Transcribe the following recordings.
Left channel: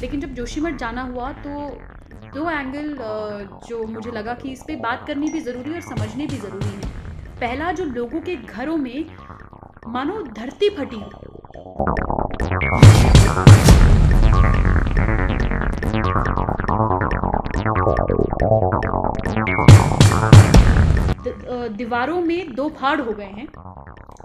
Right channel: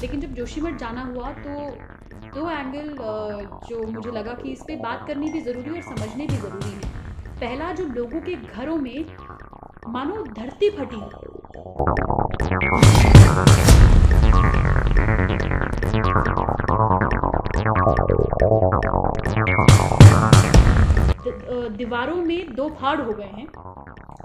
लेकिन जब जोशीमठ जाना हुआ तो दो एंगल जो मुझे लगा कि इस पे बात करनी भी ज़रूरी और समझनी भी ज़रूरी है। पहला, जो लोगों के घरों में मानो धरती फटी हो। दीवारों में दो फाड़ हो गए हैं।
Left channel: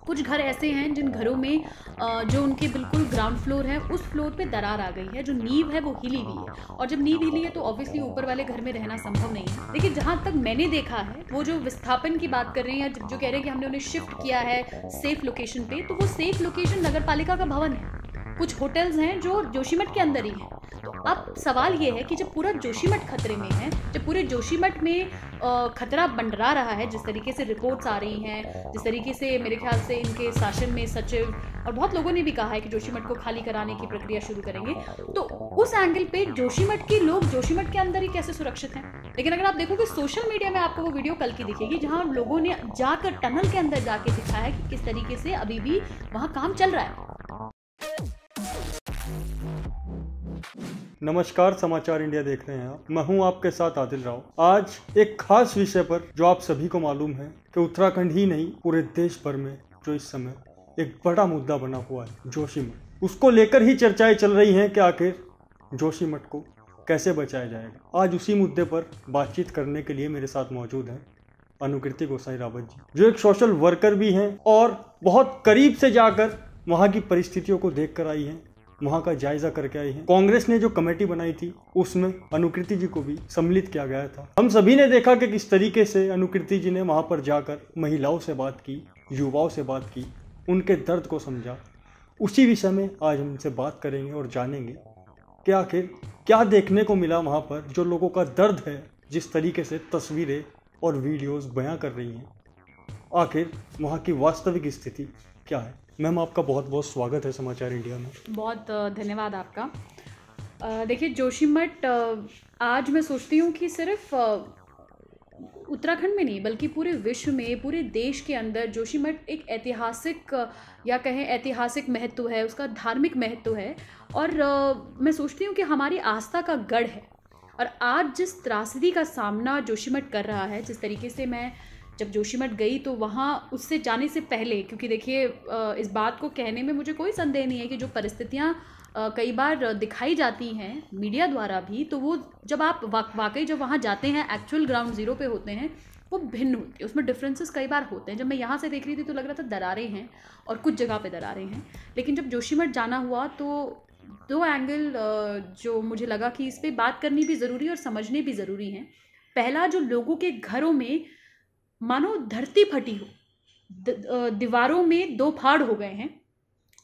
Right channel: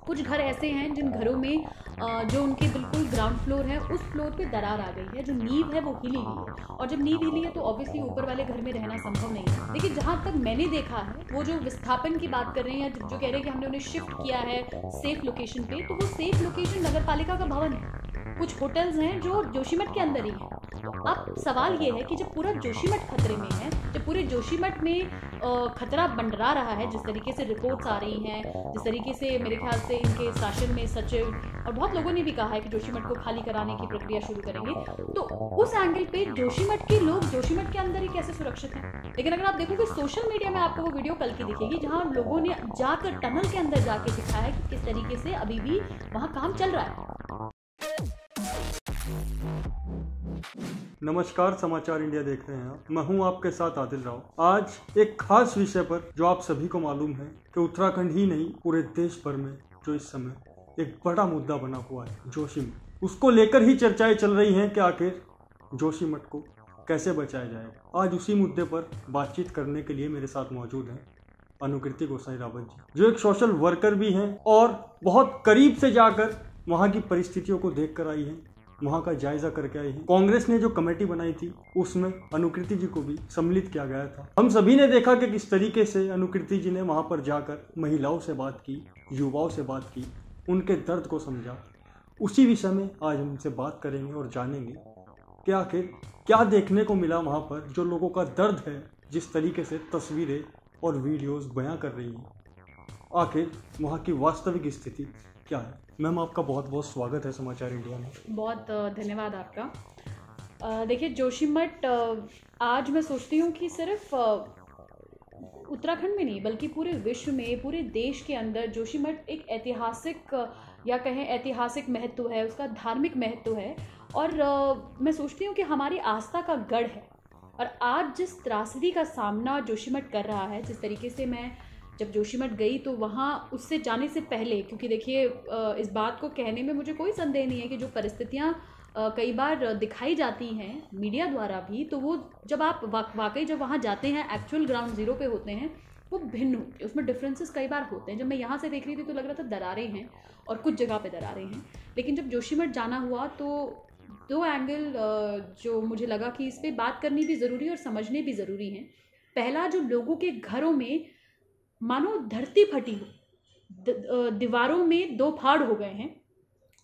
कुछ घर ऐसे हैं जिन घरों में जो उनके बिल्कुल ग्राउंड फ्लोर है उस फ्लोर पे दरार आ गई है, जो नींव है वो हिली हुई है, और जब नींव हिली है तो ऑब्वियसली ऊपर वाले घर में रहना संभव नहीं है। देखिए, जहाँ तक मैंने देखा है, वो जो विस्थापन की बात कर रहे हैं या जो कह रहे हैं कि हमने उन्हें शिफ्ट किया है सेफ लोकेशन पे, तो वो सेफ लोकेशन नगर पालिका का भवन है। कुछ होटल्स हैं जो जोशीमठ के अंदर ही हैं। तो अब सवाल ये है कि जब पूरा जोशीमठ खतरे में है, जब पूरे जोशीमठ में खतरा मंडरा रहा है, जिस तरीके से रिपोर्ट्स आ रही हैं, जिस तरीके से मेरे ख्याल से इनके शासन में सचिव और बहुत लोगों ने भी कहा है कि जोशीमठ को खाली कराने की प्रक्रिया शुरू करेंगे, तो उस एंगल पे जोशीमठ के लोग जोशीमठ के अंदर ही कैसे सुरक्षित हैं। लेकिन अगर आप देखोगे सोशल मीडिया में आपको वो वीडियो कल की दिखेगी जहाँ लोगों ने जाकर टनल के अंदर जाके दिखाया है कि किस तरीके से अभी भी वहाँ काम चल रहा है। नमस्कार, समाचार इंडिया देख रहे हैं आप। मैं हूं आपके साथ आदिल राव। आज एक खास विषय पर जो आप सभी को मालूम है कि उत्तराखंड ही नहीं पूरे देश भर में जो इस समय एक बड़ा मुद्दा बना हुआ है, जोशीमठ। उसको लेकर ही चर्चाएं चल रही हैं कि आखिर जोशीमठ को कैसे बचाया जाएगा। आज उसी मुद्दे पर बातचीत करने के लिए मेरे साथ मौजूद हैं अनुकृति गोसाई रावत जी, जो एक सोशल वर्कर भी हैं और बहुत करीब से जाकर वहाँ की परिस्थितियों को देख कर आई हैं, वहाँ का जायजा करके आई हैं। कांग्रेस ने जो कमेटी बनाई थी उसमें अनुकृति जी को भी सम्मिलित किया गया था। हम सभी ने देखा कि किस तरीके से अनुकृति जी ने वहाँ पर जाकर महिलाओं से बात की, युवाओं से बात की, उनके दर्द को समझा। उसी विषय में आज हम उनसे बात करेंगे और जानेंगे कि आखिर क्या देखने को मिला वहाँ पर, जो लोगों का दर्द है, जिस तरीके से तस्वीरें और वीडियोस बयां कर रही हैं, आखिर वहाँ की वास्तविक स्थिति क्या है। मैम, आपका बहुत बहुत स्वागत है समाचार इंडिया में। बहुत धन्यवाद आपका। देखिए, जोशीमठ आज मैं सोचती हूँ कि सिर्फ उत्तराखंड में नहीं बल्कि पूरे विश्व में, पूरे देश के अंदर जोशीमठ एक ऐतिहासिक या कहें ऐतिहासिक महत्व है, उसका धार्मिक महत्व है, और मैं सोचती हूँ कि हमारी आस्था का गढ़ है। और आज जिस त्रासदी का सामना जोशीमठ कर रहा है, जिस तरीके से मैं जब जोशीमठ गई तो वहाँ उससे जाने से पहले, क्योंकि देखिए इस बात को कहने में मुझे कोई संदेह नहीं है कि जो परिस्थितियाँ कई बार दिखाई जाती हैं मीडिया द्वारा भी, तो वो जब आप वाकई जब वहाँ जाते हैं, एक्चुअल ग्राउंड ज़ीरो पे होते हैं, वो भिन्न होती है, उसमें डिफरेंसेस कई बार होते हैं। जब मैं यहाँ से देख रही थी तो लग रहा था दरारें हैं और कुछ जगह पे दरारें हैं, लेकिन जब जोशीमठ जाना हुआ तो दो एंगल जो मुझे लगा कि इस पर बात करनी भी ज़रूरी और समझनी भी ज़रूरी है। पहला, जो लोगों के घरों में मानो धरती फटी हो। दीवारों में दो फाड़ हो गए हैं।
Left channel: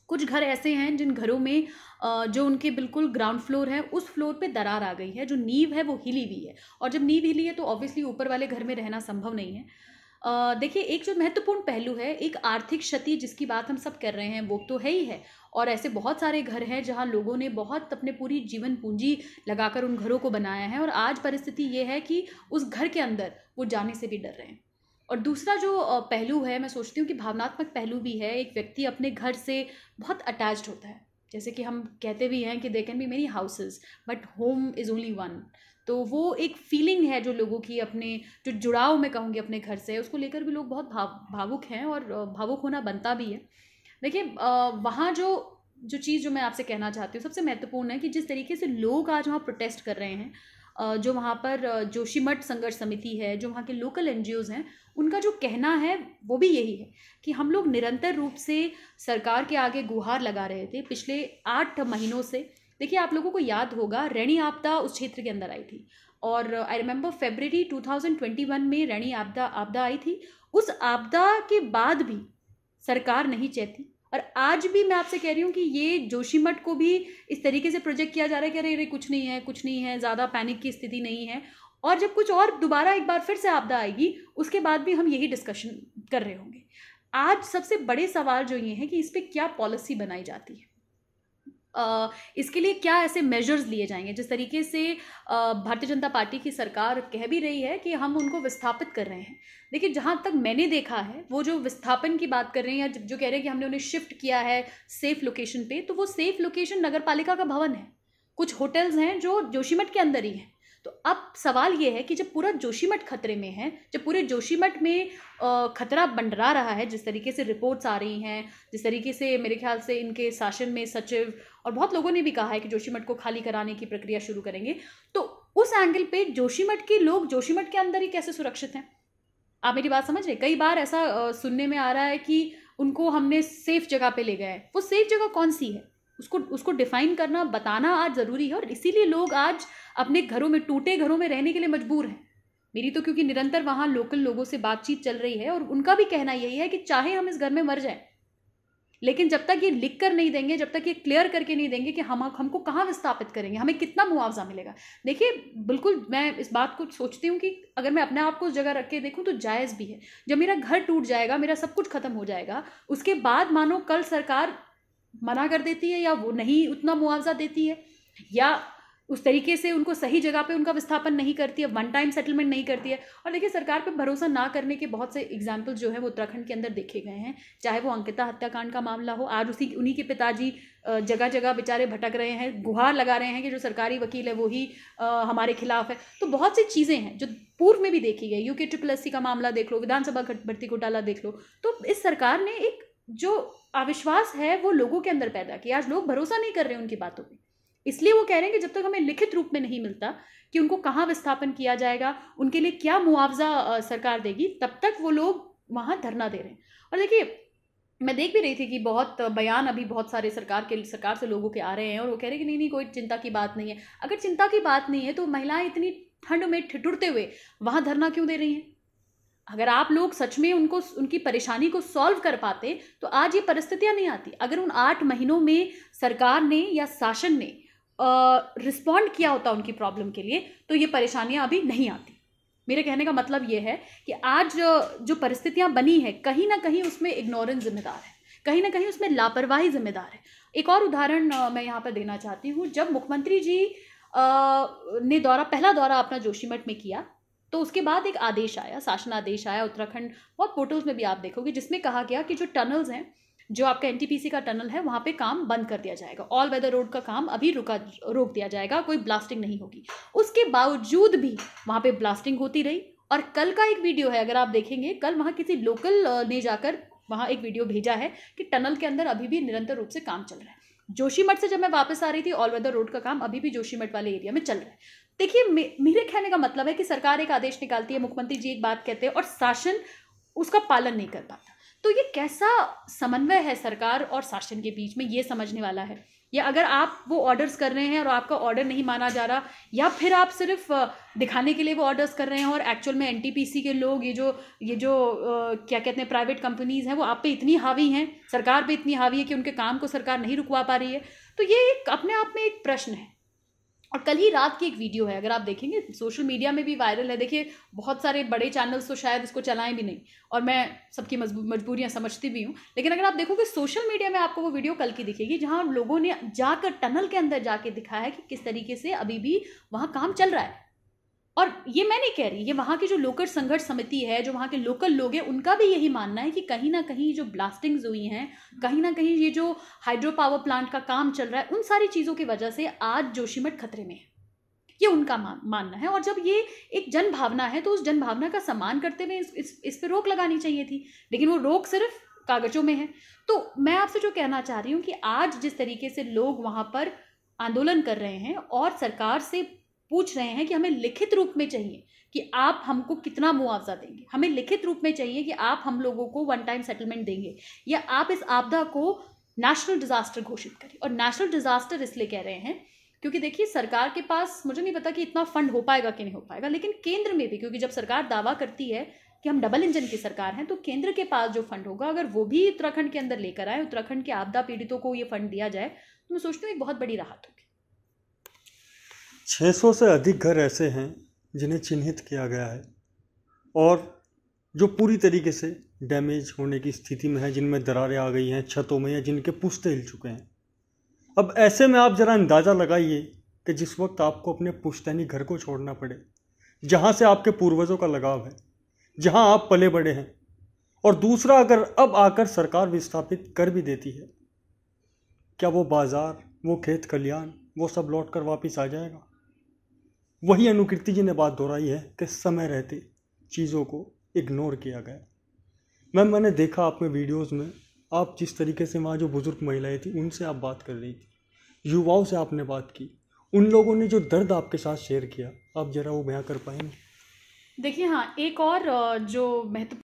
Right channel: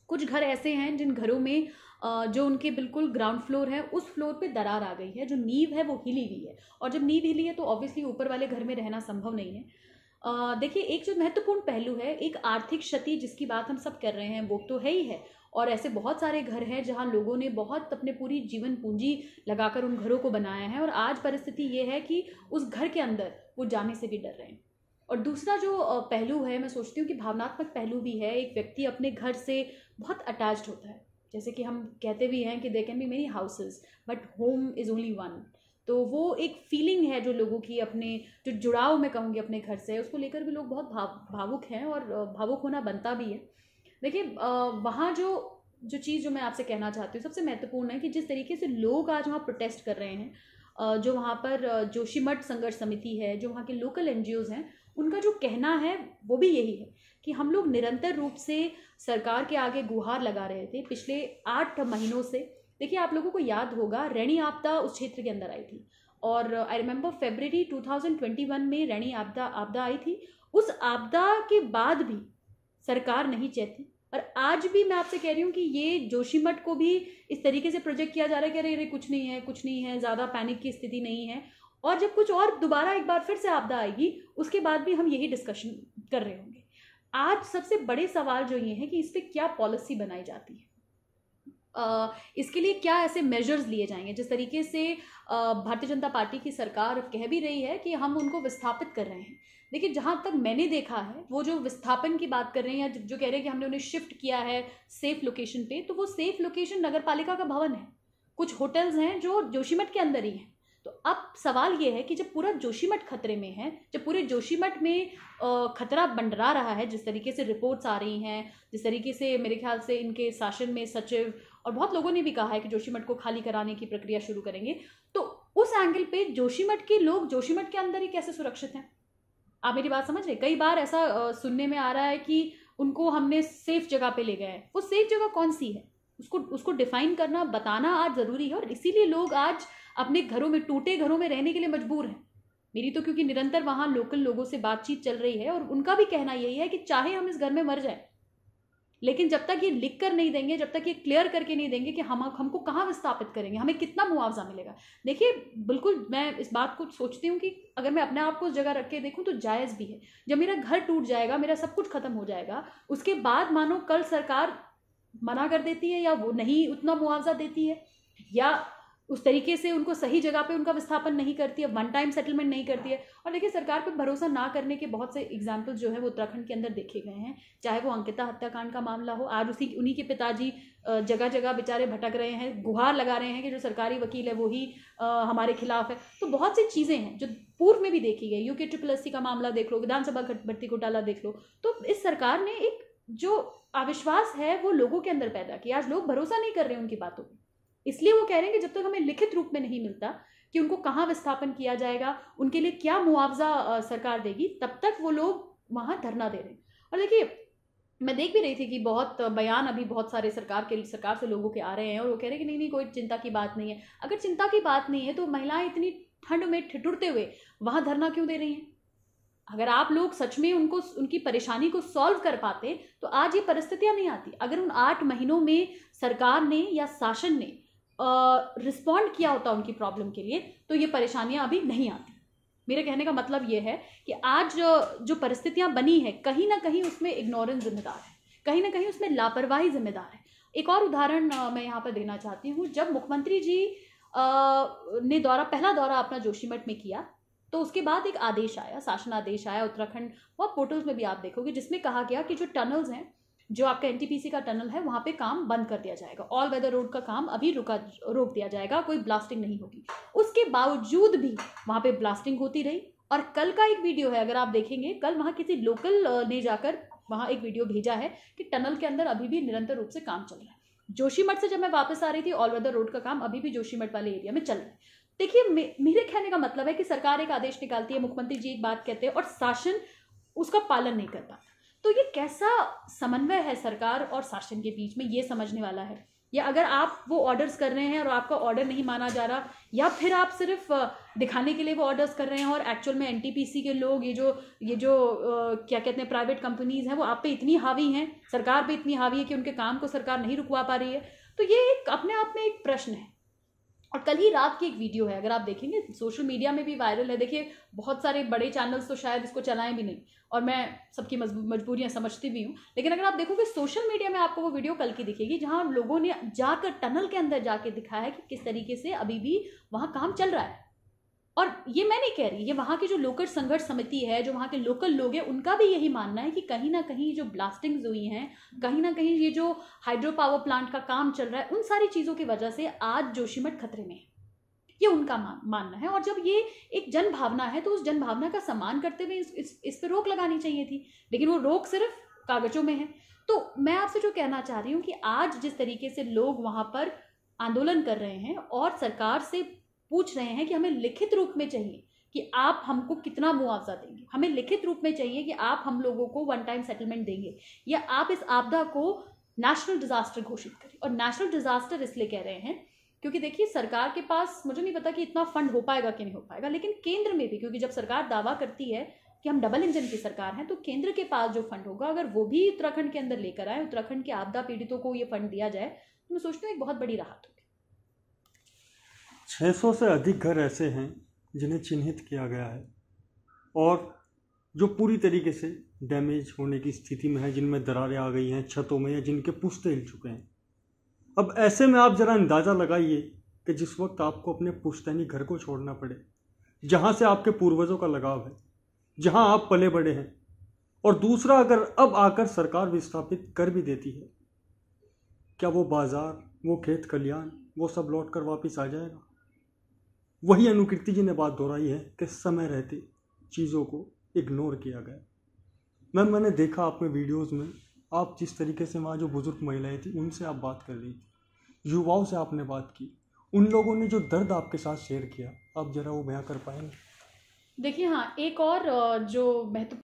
कुछ घर ऐसे हैं जिन घरों में जो उनके बिल्कुल ग्राउंड फ्लोर है उस फ्लोर पे दरार आ गई है, जो नींव है वो हिली हुई है, और जब नींव हिली है तो ऑब्वियसली ऊपर वाले घर में रहना संभव नहीं है। देखिए, एक जो महत्वपूर्ण पहलू है, एक आर्थिक क्षति जिसकी बात हम सब कर रहे हैं, वो तो है ही है, और ऐसे बहुत सारे घर हैं जहां लोगों ने बहुत अपने पूरी जीवन पूंजी लगाकर उन घरों को बनाया है, और आज परिस्थिति ये है कि उस घर के अंदर वो जाने से भी डर रहे हैं। और दूसरा जो पहलू है, मैं सोचती हूँ कि भावनात्मक पहलू भी है। एक व्यक्ति अपने घर से बहुत अटैच्ड होता है, जैसे कि हम कहते भी हैं कि they can be many houses but home is only one. तो वो एक फीलिंग है जो लोगों की, अपने जो जुड़ाव मैं कहूँगी अपने घर से, उसको लेकर भी लोग बहुत भावुक हैं, और भावुक होना बनता भी है। देखिए, वहाँ जो चीज़ जो मैं आपसे कहना चाहती हूँ सबसे महत्वपूर्ण है कि जिस तरीके से लोग आज वहाँ प्रोटेस्ट कर रहे हैं, जो वहाँ पर जोशीमठ संघर्ष समिति है, जो वहाँ के लोकल NGOs हैं, उनका जो कहना है वो भी यही है कि हम लोग निरंतर रूप से सरकार के आगे गुहार लगा रहे थे पिछले 8 महीनों से। देखिए, आप लोगों को याद होगा रैणी आपदा उस क्षेत्र के अंदर आई थी, और आई रिमेंबर फरवरी 2021 में रैणी आपदा आई थी। उस आपदा के बाद भी सरकार नहीं चेती, और आज भी मैं आपसे कह रही हूँ कि ये जोशीमठ को भी इस तरीके से प्रोजेक्ट किया जा रहा है कि अरे कुछ नहीं है, ज़्यादा पैनिक की स्थिति नहीं है, और जब कुछ और दोबारा एक बार फिर से आपदा आएगी उसके बाद भी हम यही डिस्कशन कर रहे होंगे। आज सबसे बड़े सवाल जो ये है कि इस पर क्या पॉलिसी बनाई जाती है, इसके लिए क्या ऐसे मेजर्स लिए जाएंगे। जिस तरीके से भारतीय जनता पार्टी की सरकार कह भी रही है कि हम उनको विस्थापित कर रहे हैं। देखिए, जहाँ तक मैंने देखा है, वो जो विस्थापन की बात कर रहे हैं या जो कह रहे हैं कि हमने उन्हें शिफ्ट किया है सेफ लोकेशन पे, तो वो सेफ लोकेशन नगर पालिका का भवन है। कुछ होटल्स हैं जो जोशीमठ के अंदर ही हैं। तो अब सवाल ये है कि जब पूरा जोशीमठ खतरे में है, जब पूरे जोशीमठ में खतरा मंडरा रहा है, जिस तरीके से रिपोर्ट्स आ रही हैं, जिस तरीके से मेरे ख्याल से इनके शासन में सचिव और बहुत लोगों ने भी कहा है कि जोशीमठ को खाली कराने की प्रक्रिया शुरू करेंगे, तो उस एंगल पे जोशीमठ के लोग जोशीमठ के अंदर ही कैसे सुरक्षित हैं? आप मेरी बात समझ रहे? कई बार ऐसा सुनने में आ रहा है कि उनको हमने सेफ जगह पे ले गए। वो सेफ जगह कौन सी है, उसको डिफाइन करना, बताना आज ज़रूरी है। और इसीलिए लोग आज अपने घरों में, टूटे घरों में रहने के लिए मजबूर हैं। मेरी तो क्योंकि निरंतर वहाँ लोकल लोगों से बातचीत चल रही है और उनका भी कहना यही है कि चाहे हम इस घर में मर जाएं, लेकिन जब तक ये लिख कर नहीं देंगे, जब तक ये क्लियर करके नहीं देंगे कि हमको कहाँ विस्थापित करेंगे, हमें कितना मुआवजा मिलेगा। देखिए, बिल्कुल मैं इस बात को सोचती हूँ कि अगर मैं अपने आप को उस जगह रख के देखूँ तो जायज़ भी है। जब मेरा घर टूट जाएगा, मेरा सब कुछ खत्म हो जाएगा, उसके बाद मानो कल सरकार मना कर देती है या वो नहीं उतना मुआवजा देती है, या उस तरीके से उनको सही जगह पे उनका विस्थापन नहीं करती है, वन टाइम सेटलमेंट नहीं करती है। और देखिए, सरकार पे भरोसा ना करने के बहुत से एग्जाम्पल्स जो है वो उत्तराखंड के अंदर देखे गए हैं। चाहे वो अंकिता हत्याकांड का मामला हो, आज उन्हीं के पिताजी जगह जगह बेचारे भटक रहे हैं, गुहार लगा रहे हैं कि जो सरकारी वकील है वही हमारे खिलाफ है। तो बहुत सी चीज़ें हैं जो पूर्व में भी देखी गई। UKSSC का मामला देख लो, विधानसभा भर्ती घोटाला देख लो। तो इस सरकार ने एक जो अविश्वास है वो लोगों के अंदर पैदा किया। आज लोग भरोसा नहीं कर रहे उनकी बातों पर, इसलिए वो कह रहे हैं कि जब तक हमें लिखित रूप में नहीं मिलता कि उनको कहाँ विस्थापन किया जाएगा, उनके लिए क्या मुआवजा सरकार देगी, तब तक वो लोग वहाँ धरना दे रहे हैं। और देखिए, मैं देख भी रही थी कि बहुत बयान अभी बहुत सारे सरकार से लोगों के आ रहे हैं और वो कह रहे हैं कि नहीं कोई चिंता की बात नहीं है। अगर चिंता की बात नहीं है तो महिलाएं इतनी ठंड में ठिठुरते हुए वहाँ धरना क्यों दे रही हैं? अगर आप लोग सच में उनकी परेशानी को सॉल्व कर पाते तो आज ये परिस्थितियां नहीं आती। अगर उन 8 महीनों में सरकार ने या शासन ने रिस्पॉन्ड किया होता उनकी प्रॉब्लम के लिए तो ये परेशानियां अभी नहीं आती। मेरे कहने का मतलब ये है कि आज जो परिस्थितियां बनी है, कहीं ना कहीं उसमें इग्नोरेंस जिम्मेदार है, कहीं ना कहीं उसमें लापरवाही जिम्मेदार है। एक और उदाहरण मैं यहाँ पर देना चाहती हूँ। जब मुख्यमंत्री जी ने पहला दौरा अपना जोशीमठ में किया तो उसके बाद एक आदेश आया, शासन आदेश आया उत्तराखंड, बहुत पोर्टल्स में भी आप देखोगे, जिसमें कहा गया कि जो टनल्स हैं, जो आपका NTPC का टनल है, वहाँ पे काम बंद कर दिया जाएगा। ऑल वेदर रोड का काम अभी रोक दिया जाएगा, कोई ब्लास्टिंग नहीं होगी। उसके बावजूद भी वहाँ पे ब्लास्टिंग होती रही। और कल का एक वीडियो है, अगर आप देखेंगे, कल वहाँ किसी लोकल ने जाकर वहाँ एक वीडियो भेजा है कि टनल के अंदर अभी भी निरंतर रूप से काम चल रहा है। जोशीमठ से जब मैं वापस आ रही थी, ऑल वेदर रोड का काम अभी भी जोशीमठ वाले एरिया में चल रहा है। देखिए, मेरे कहने का मतलब है कि सरकार एक आदेश निकालती है, मुख्यमंत्री जी एक बात कहते हैं और शासन उसका पालन नहीं कर पाता। तो ये कैसा समन्वय है सरकार और शासन के बीच में, ये समझने वाला है। या अगर आप वो ऑर्डर्स कर रहे हैं और आपका ऑर्डर नहीं माना जा रहा, या फिर आप सिर्फ दिखाने के लिए वो ऑर्डर्स कर रहे हैं और एक्चुअल में NTPC के लोग, ये जो क्या कहते हैं, प्राइवेट कंपनीज हैं, वो आप पे इतनी हावी हैं, सरकार पे इतनी हावी है कि उनके काम को सरकार नहीं रुकवा पा रही है। तो ये एक अपने आप में एक प्रश्न है। और कल ही रात की एक वीडियो है, अगर आप देखेंगे, सोशल मीडिया में भी वायरल है। देखिए, बहुत सारे बड़े चैनल्स तो शायद इसको चलाएं भी नहीं, और मैं सबकी मजबूरियां समझती भी हूँ, लेकिन अगर आप देखोगे सोशल मीडिया में आपको वो वीडियो कल की दिखेगी, जहाँ लोगों ने जाकर टनल के अंदर जाके दिखाया है कि किस तरीके से अभी भी वहाँ काम चल रहा है। और ये मैं नहीं कह रही, ये वहाँ की जो लोकल संघर्ष समिति है, जो वहाँ के लोकल लोग हैं, उनका भी यही मानना है कि कहीं ना कहीं जो ब्लास्टिंग्स हुई हैं, कहीं ना कहीं ये जो हाइड्रो पावर प्लांट का काम चल रहा है, उन सारी चीज़ों की वजह से आज जोशीमठ खतरे में है। ये उनका मानना है। और जब ये एक जन भावना है तो उस जन भावना का सम्मान करते हुए इस पर रोक लगानी चाहिए थी, लेकिन वो रोक सिर्फ कागजों में है। तो मैं आपसे जो कहना चाह रही हूँ कि आज जिस तरीके से लोग वहाँ पर आंदोलन कर रहे हैं और सरकार से पूछ रहे हैं कि हमें लिखित रूप में चाहिए कि आप हमको कितना मुआवजा देंगे, हमें लिखित रूप में चाहिए कि आप हम लोगों को वन टाइम सेटलमेंट देंगे, या आप इस आपदा को नेशनल डिजास्टर घोषित करें। और नेशनल डिजास्टर इसलिए कह रहे हैं क्योंकि देखिए, सरकार के पास मुझे नहीं पता कि इतना फंड हो पाएगा कि नहीं हो पाएगा, लेकिन केंद्र में भी, क्योंकि जब सरकार दावा करती है कि हम डबल इंजन की सरकार हैं, तो केंद्र के पास जो फंड होगा, अगर वो भी उत्तराखंड के अंदर लेकर आए, उत्तराखंड के आपदा पीड़ितों को ये फंड दिया जाए, तो मैं सोचती हूँ एक बहुत बड़ी राहत होगी। 600 से अधिक घर ऐसे हैं जिन्हें चिन्हित किया गया है और जो पूरी तरीके से डैमेज होने की स्थिति में है, जिनमें दरारें आ गई हैं छतों में, या जिनके पुश्ते हिल चुके हैं। अब ऐसे में आप ज़रा अंदाज़ा लगाइए कि जिस वक्त आपको अपने पुश्तैनी घर को छोड़ना पड़े, जहाँ से आपके पूर्वजों का लगाव है, जहाँ आप पले बड़े हैं, और दूसरा अगर अब आकर सरकार विस्थापित कर भी देती है, क्या वो बाज़ार, वो खेत खलियान, वो सब लौट कर वापिस आ जाएगा। वही अनुकीर्ति जी ने बात दोहराई है कि समय रहते चीज़ों को इग्नोर किया गया। मैम, मैंने देखा आप में वीडियोज़ में, आप जिस तरीके से वहाँ जो बुज़ुर्ग महिलाएं थी उनसे आप बात कर रही थी, युवाओं से आपने बात की, उन लोगों ने जो दर्द आपके साथ शेयर किया, आप ज़रा वो बयां कर पाएंगे? देखिए हाँ, एक और जो महत्व